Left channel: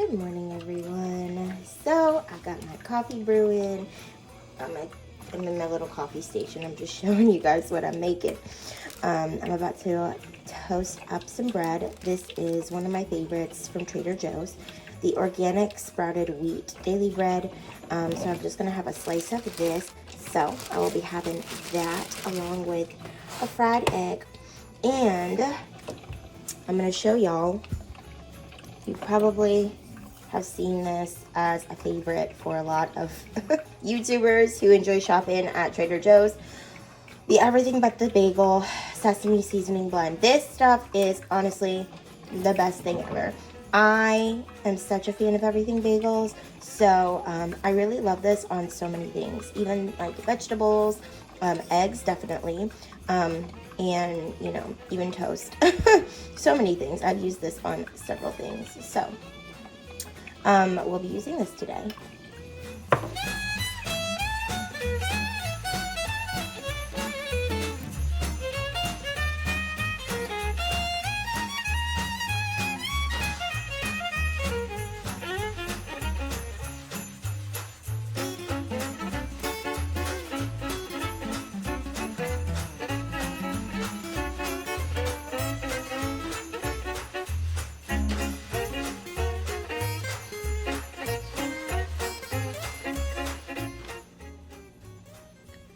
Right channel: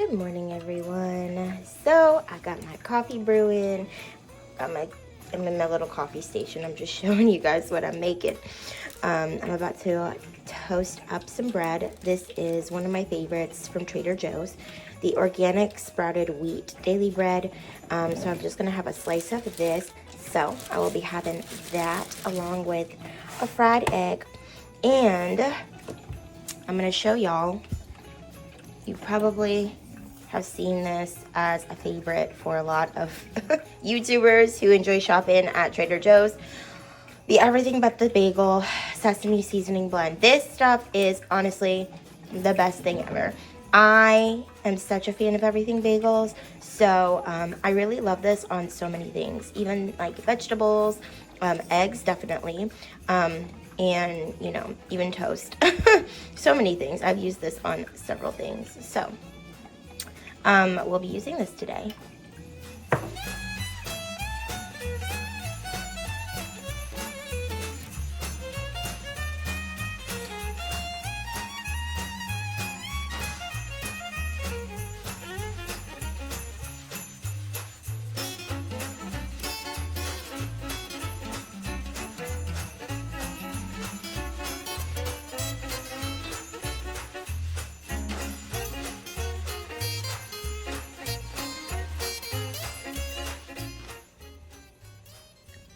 Good morning, everyone. So I got my coffee brewing. I'm in my little coffee station. I'm just showing you guys what I'm making. I'm about to toast up some bread. This is one of my favorites from Trader Joe's, the organic sprouted wheat daily bread. So I'm just gonna have a slice of this. So I will be having that along with a fried egg, and I'm gonna show y'all. You probably have seen this as a favorite for a lot of YouTubers who enjoy shopping at Trader Joe's. The everything but the bagel sesame seasoning blend. This stuff is honestly the best thing ever. I am such a fan of everything bagels, so I really love this on so many things, even like vegetables, eggs definitely, and you know, even toast. So many things. I've used this on several things, so we'll be using this today.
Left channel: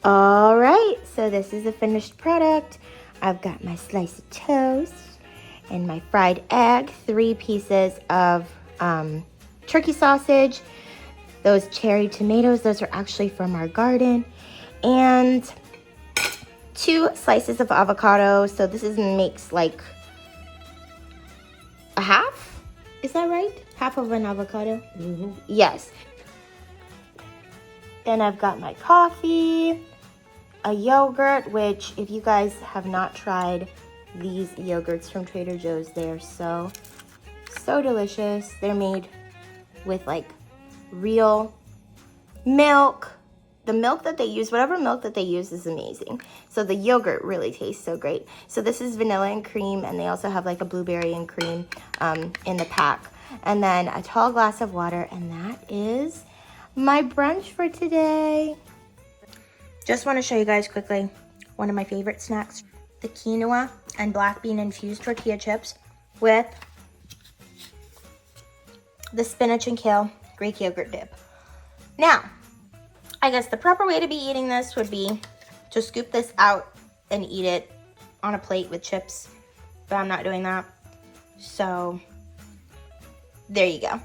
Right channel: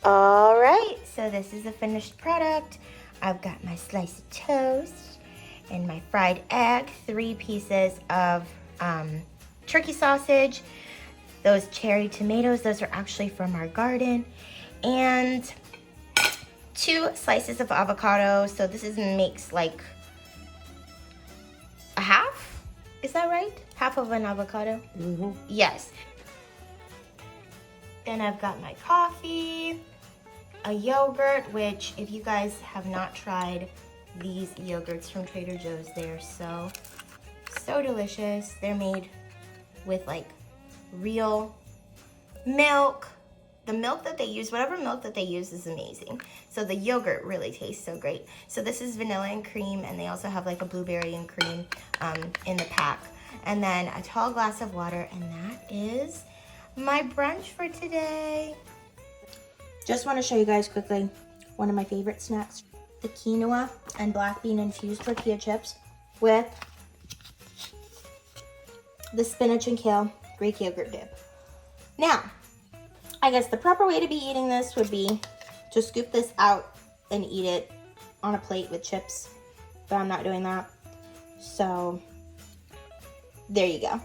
All right, so this is a finished product. I've got my slice of toast and my fried egg, 3 pieces of turkey sausage, those cherry tomatoes, those are actually from our garden, and 2 slices of avocado. So this makes like a half, is that right? Half of an avocado? Mm-hmm. Yes. Then I've got my coffee, a yogurt, which if you guys have not tried these yogurts from Trader Joe's, they're so delicious. They're made with like real milk. The milk that they use, whatever milk that they use, is amazing. So the yogurt really tastes so great. So this is vanilla and cream, and they also have like a blueberry and cream in the pack. And then a tall glass of water, and that is my brunch for today. Just want to show you guys quickly one of my favorite snacks, the quinoa and black bean infused tortilla chips with the spinach and kale Greek yogurt dip. Now, I guess the proper way to be eating this would be to scoop this out and eat it on a plate with chips, but I'm not doing that. So there you go.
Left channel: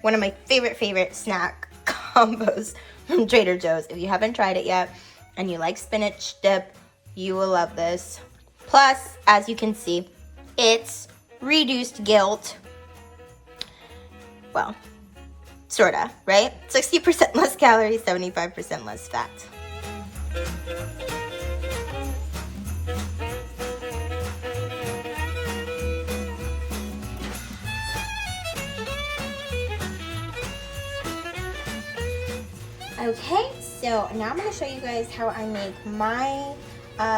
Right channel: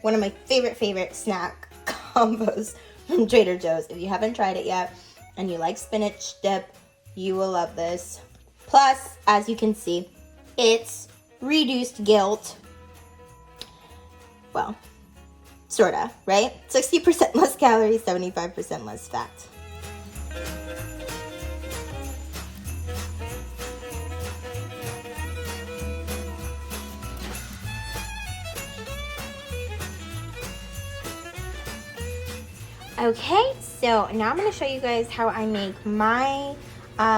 One of my favorite snack combos from Trader Joe's. If you haven't tried it yet and you like spinach dip, you will love this. Plus, as you can see, it's reduced guilt. Well, sorta, right? 60% less calories, 75% less fat. Okay, so now I'm going to show you guys how I make my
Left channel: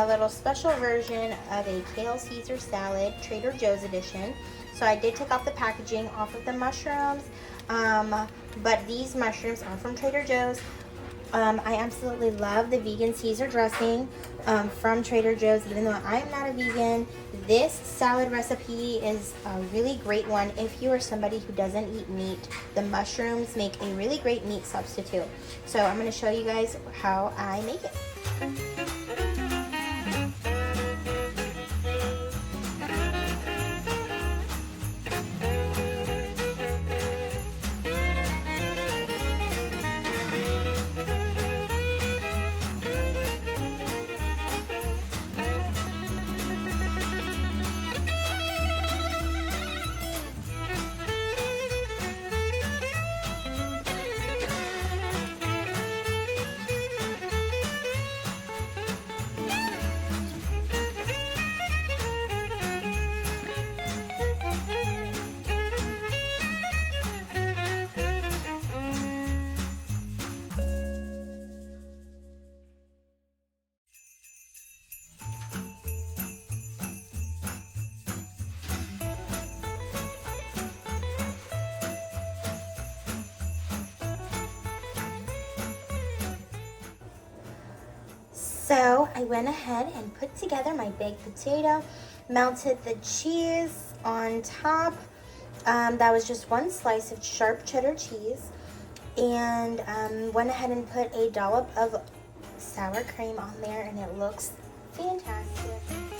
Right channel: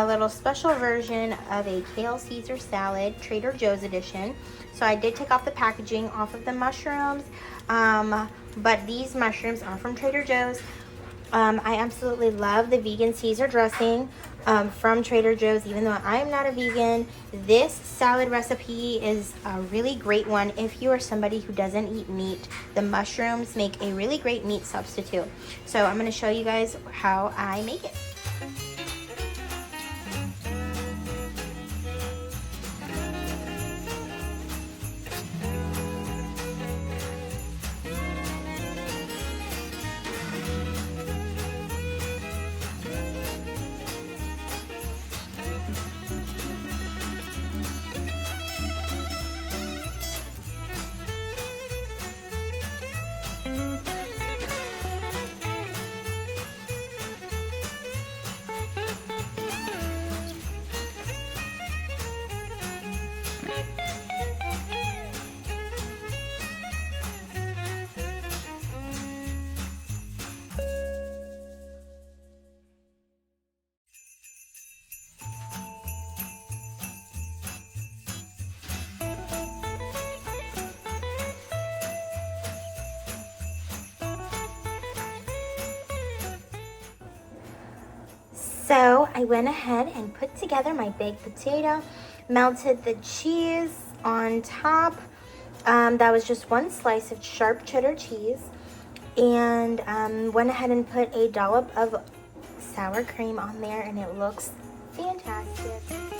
little special version of a kale Caesar salad, Trader Joe's edition. So I did take off the packaging off of the mushrooms, but these mushrooms are from Trader Joe's. I absolutely love the vegan Caesar dressing from Trader Joe's, even though I'm not a vegan. This salad recipe is a really great one if you are somebody who doesn't eat meat. The mushrooms make a really great meat substitute. So I'm going to show you guys how I make it. So I went ahead and put together my baked potato, melted the cheese on top. That was just one slice of sharp cheddar cheese, and went ahead and put a dollop of sour cream on there, and it looks fantastic.